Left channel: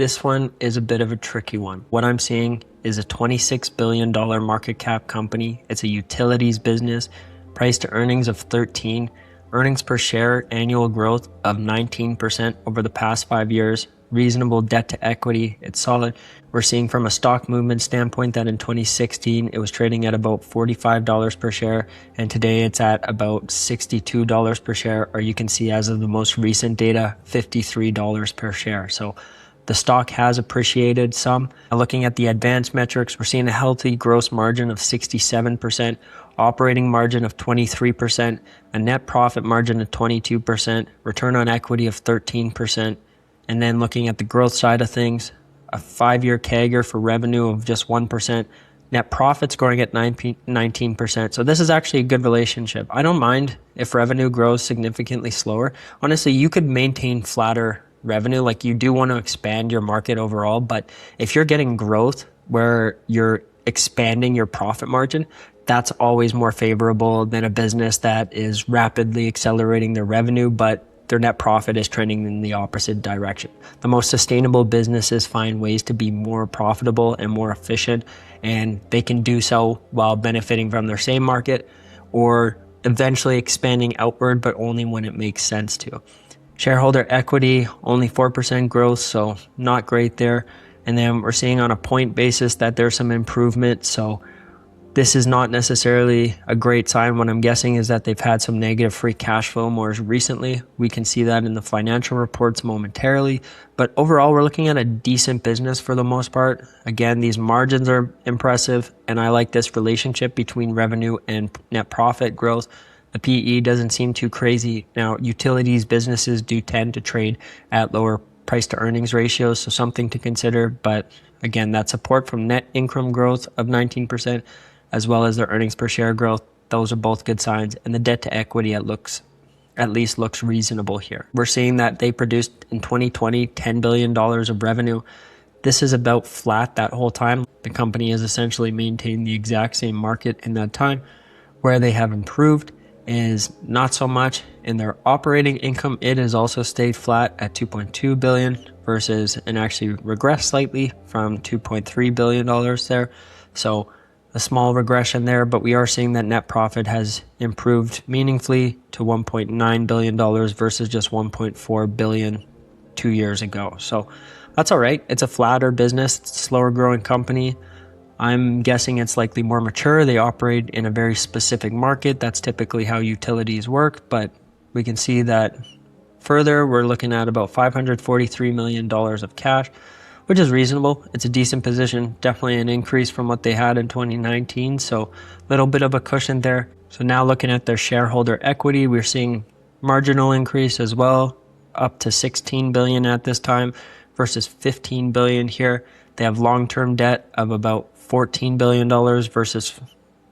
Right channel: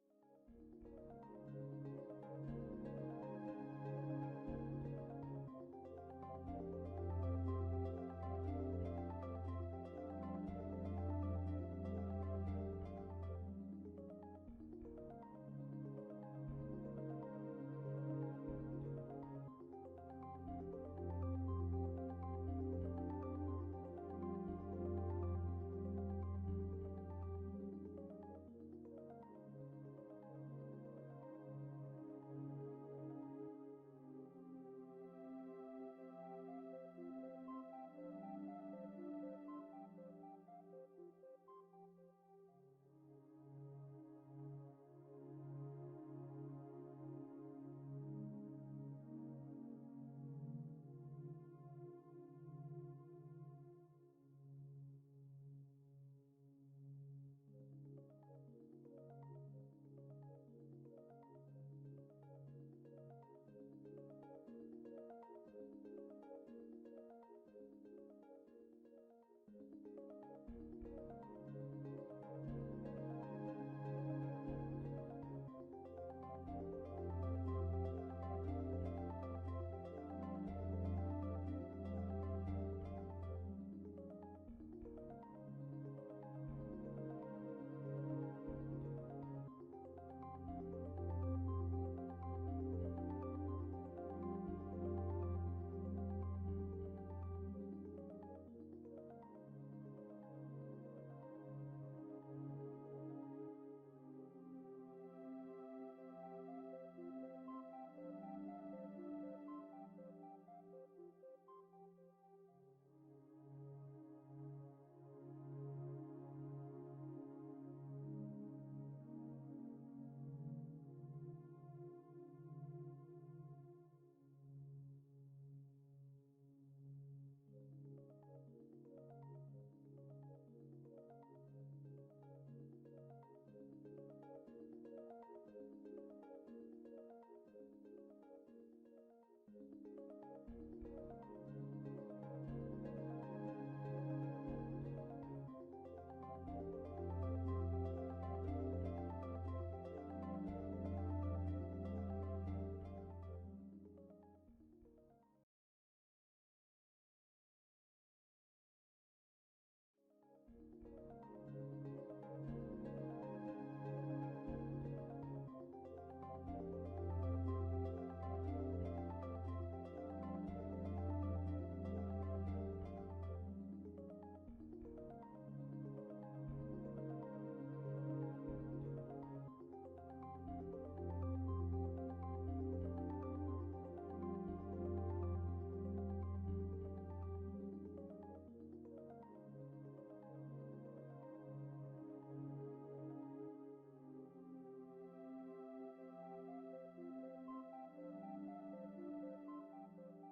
This one is a bit of a tricky one. What I'm seeing is a $26 billion market cap company. It's a utilities business, price to earnings of 13, earnings per share annual growth of 19% over the past 5 years, reasonable debt to equity, it's solid. We're seeing from a stock movement standpoint that in 2016, it was trading at about $45 per share, and today it's at about $62 per share, or you can see as of the most recent data, $53 per share. So the stock has appreciated some. Looking at the advanced metrics, we're seeing a healthy gross margin of 67%, operating margin of 23%, a net profit margin of 22%, return on equity of 13%. And then looking at the growth side of things, a 5-year CAGR for revenue of just 1%, net profits growing at 19%. So this is actually a good relationship. I don't mind if revenue grows significantly slower. Honestly, you could maintain flatter revenue, like you do want to expand your market overall, but if you're getting growth where you're expanding your profit margin, that's always more favorable than a business that is rapidly accelerating their revenue, but their net profit is trending in the opposite direction. The most sustainable businesses find ways to be more profitable and more efficient, and they can do so while benefiting from their same market or eventually expanding outward, but only when it makes sense to. Shareholder equity, only 4% growth, so not great there. And then we're seeing on a point basis that there's some improvement. So this is not necessarily a great sign. What I'm guessing is that they've had some negative free cash flow more recently. We can see that in the financial reports momentarily. But overall, we're looking at a decent business for the most part. Again, these margins are impressive, and I like this relationship between revenue and net profit growth. The PE doesn't seem too crazy. Now, utilities businesses do tend to trade at lower price to earnings ratios, so something to consider. But again, that support from net income growth of 19%, as well as their earnings per share growth, those are both good signs. And the debt to equity at least looks reasonable here. We're seeing that they produced in 2020 $10 billion of revenue. This is about flat that whole time. The company has essentially maintained the exact same market in that time. Where they have improved is not so much in their operating income. It has also stayed flat at $2.2 billion versus, and actually regressed slightly from $2.3 billion there. So a small regression there, but we are seeing that net profit has improved meaningfully to $1.9 billion versus just $1.4 billion 2 years ago. So that's all right. It's a flatter business, it's a slower growing company. I'm guessing it's likely more mature. They operate in a very specific market. That's typically how utilities work, but we can see that further, we're looking at about $543 million of cash, which is reasonable. It's a decent position, definitely an increase from what they had in 2019. So a little bit of a cushion there. So now looking at their shareholder equity, we're seeing marginal increase as well, up to 16 billion at this time versus 15 billion here. They have long-term debt of about $14 billion versus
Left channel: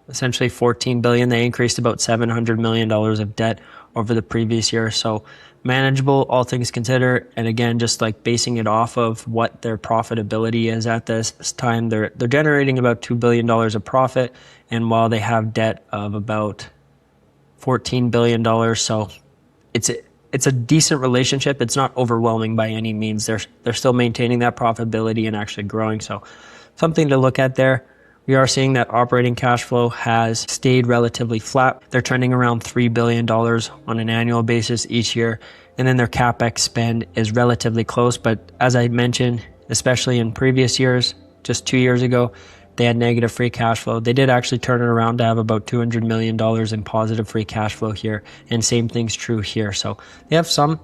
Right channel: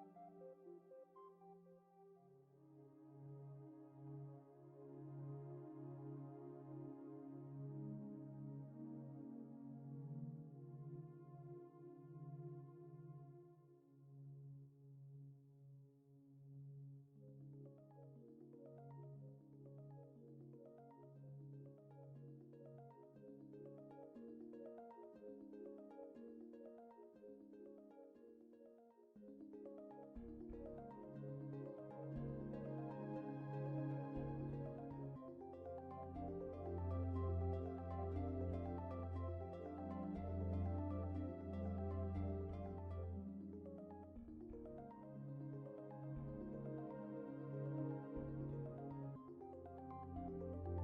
essentially $14 billion. They increased about $700 million of debt over the previous year. So manageable, all things considered. And again, just like basing it off of what their profitability is at this time, they're generating about $2 billion of profit. And while they have debt of about $14 billion, so it's a decent relationship. It's not overwhelming by any means. They're still maintaining that profitability and actually growing. So something to look at there. We are seeing that operating cash flow has stayed relatively flat. They're trending around $3 billion on an annual basis each year. And then their CapEx spend is relatively close. But as I mentioned, especially in previous years, just 2 years ago, they had negative free cash flow. They did actually turn it around to have about $200 million in positive free cash flow here. And same thing's true here. So they have some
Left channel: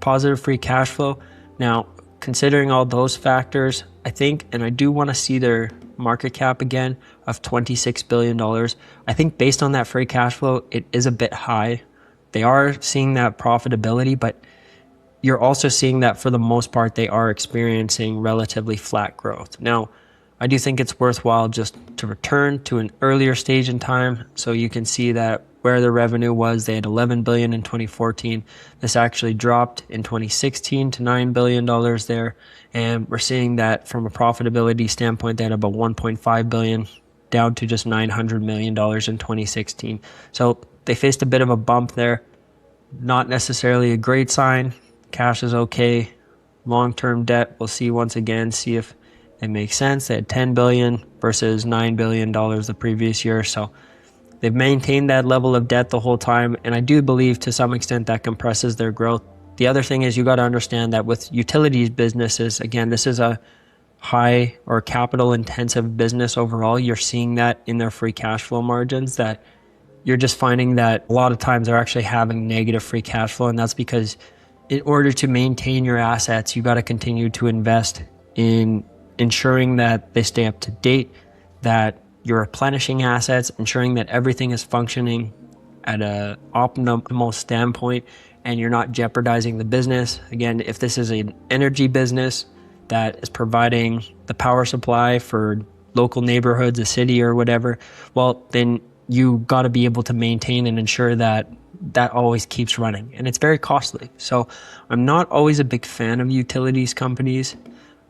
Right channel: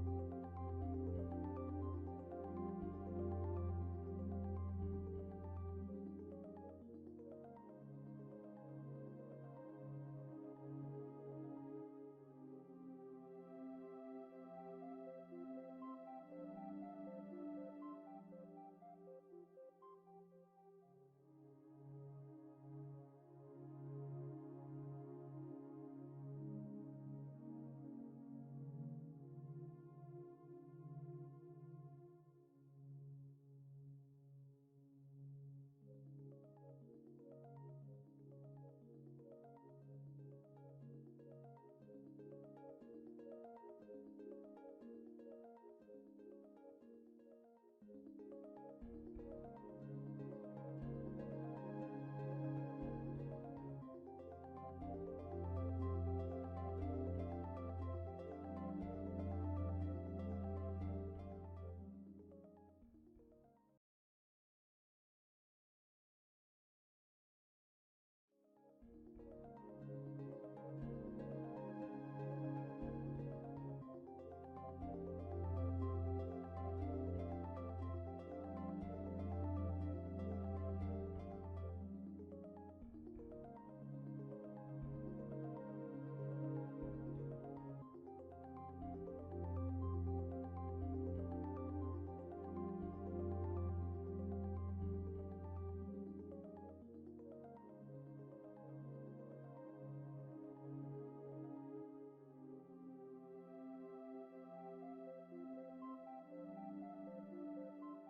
positive free cash flow. Now, considering all those factors, I think, and I do want to see their market cap again of $26 billion. I think based on that free cash flow, it is a bit high. They are seeing that profitability, but you're also seeing that for the most part, they are experiencing relatively flat growth. Now, I do think it's worthwhile just to return to an earlier stage in time. So you can see that where the revenue was, they had $11 billion in 2014. This actually dropped in 2016 to $9 billion there. And we're seeing that from a profitability standpoint, they had about $1.5 billion down to just $900 million in 2016. So they faced a bit of a bump there. Not necessarily a great sign. Cash is okay. long-term debt. We'll see once again, see if it makes sense. They had $10 billion versus $9 billion the previous year. So they've maintained that level of debt the whole time. And I do believe to some extent that compresses their growth. The other thing is you got to understand that with utilities businesses, again, this is a high or capital intensive business overall. You're seeing that in their free cash flow margins, that you're just finding that a lot of times they're actually having negative free cash flow. And that's because in order to maintain your assets, you got to continue to invest in ensuring that they stay up to date, that you're replenishing assets, ensuring that everything is functioning at an optimal standpoint and you're not jeopardizing the business. Again, if this is an energy business that is providing the power supply for local neighborhoods, a city or whatever, well, then you got to be able to maintain and ensure that that always keeps running. And it's very costly. So I'm not always a big fan of utilities companies.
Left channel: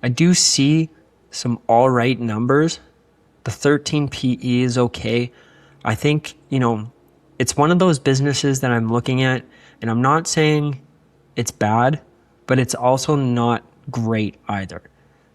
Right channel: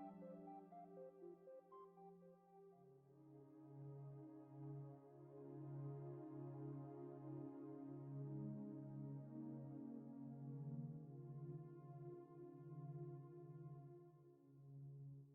I do see some all right numbers. The 13 PE is okay. I think, it's one of those businesses that I'm looking at, and I'm not saying it's bad, but it's also not great either.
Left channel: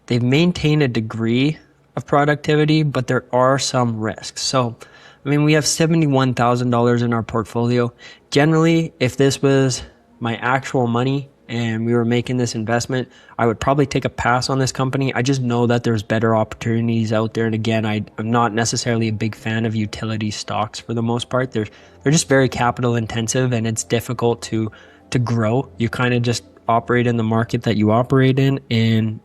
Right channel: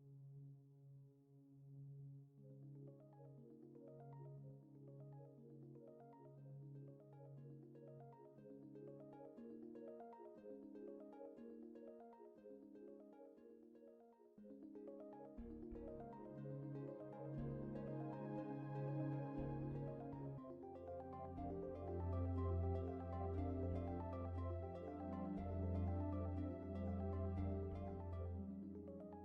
They've maintained a degree of productivity, but there are some risks. So, we have $71,000 in our portfolio. Generally, if this was my actual money and we were making this investment, I would probably take a pass on this company. I just know that there's better opportunities out there. And again, I'm not necessarily a big fan of utility stocks for the most part. They're just very capital intensive and it's difficult to grow. You kind of just operate in the market that you operate in and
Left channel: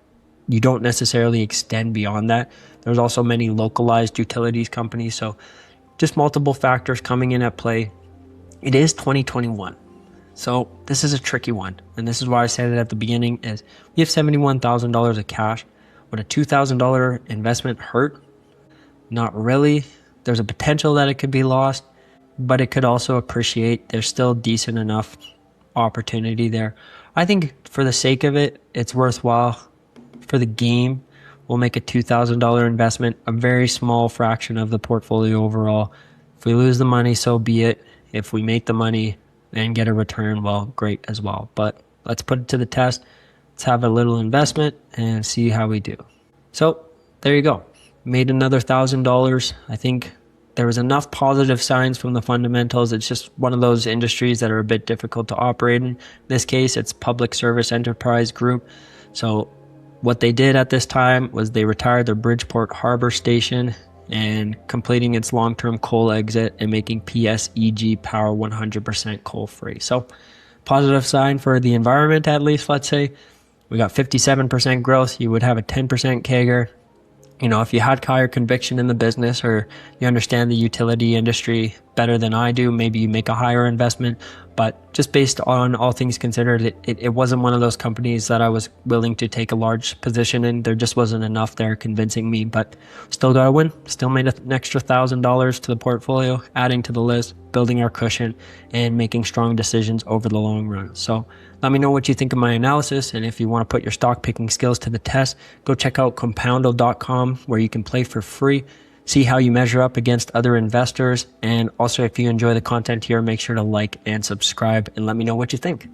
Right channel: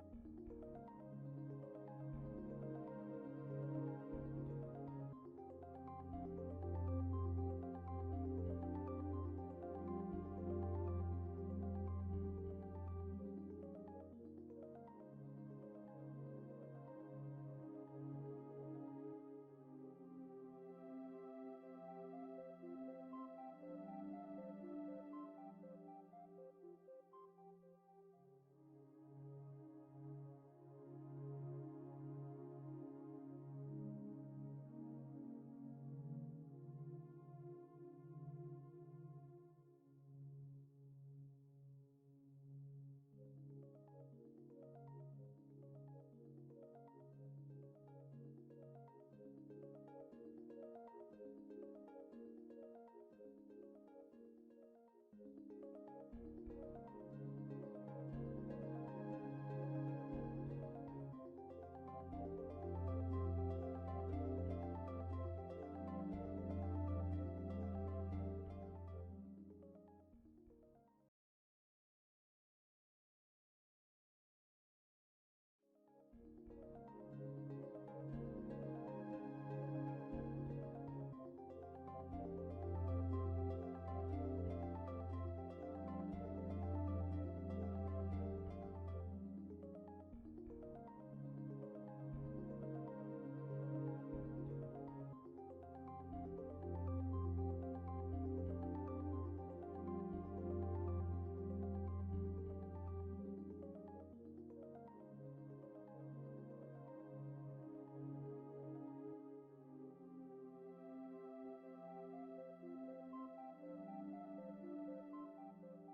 you don't necessarily extend beyond that. There's also many localized utilities companies. So just multiple factors coming in at play. It is 2021. So this is a tricky one. And this is why I said it at the beginning is we have $71,000 of cash. Would a $2,000 investment hurt? Not really. There's a potential that it could be lost, but it could also appreciate. There's still decent enough opportunity there. I think for the sake of it, it's worthwhile. For the game, we'll make a $2,000 investment, a very small fraction of the portfolio overall. If we lose the money, so be it. If we make the money and get a return, well, great as well. But let's put it to the test. Let's have a little investment and see how we do. So there you go. Made another $1,000. I think there was enough positive signs from the fundamentals. It's just one of those industries that are a bit difficult to operate in. In this case, it's Public Service Enterprise Group. So what they did at this time was they retired their Bridgeport Harbor Station and completing its long-term coal exit and making PSEG Power 100% coal-free. So positive sign for the environment, at least, let's say. We got 57% growth. You would have a 10% CAGR. If you had higher conviction in the business or you understand the utility industry better than I do, maybe you make a higher investment. But just based on all things considered, it wasn't one of those companies that I was willing to take a large position in. There just wasn't enough there convincing me, but still got a win. Still made an extra $1,000 to the portfolio, adding to the list, building our cushion, and making strong decisions over the long run. So let me know what you think of my analysis, and if you want to put your stock picking skills to the test, go check out Compoundo.com where you can play for free, see how you measure up against other investors, and also if you enjoy the content here, make sure to like and subscribe and let me know what you think.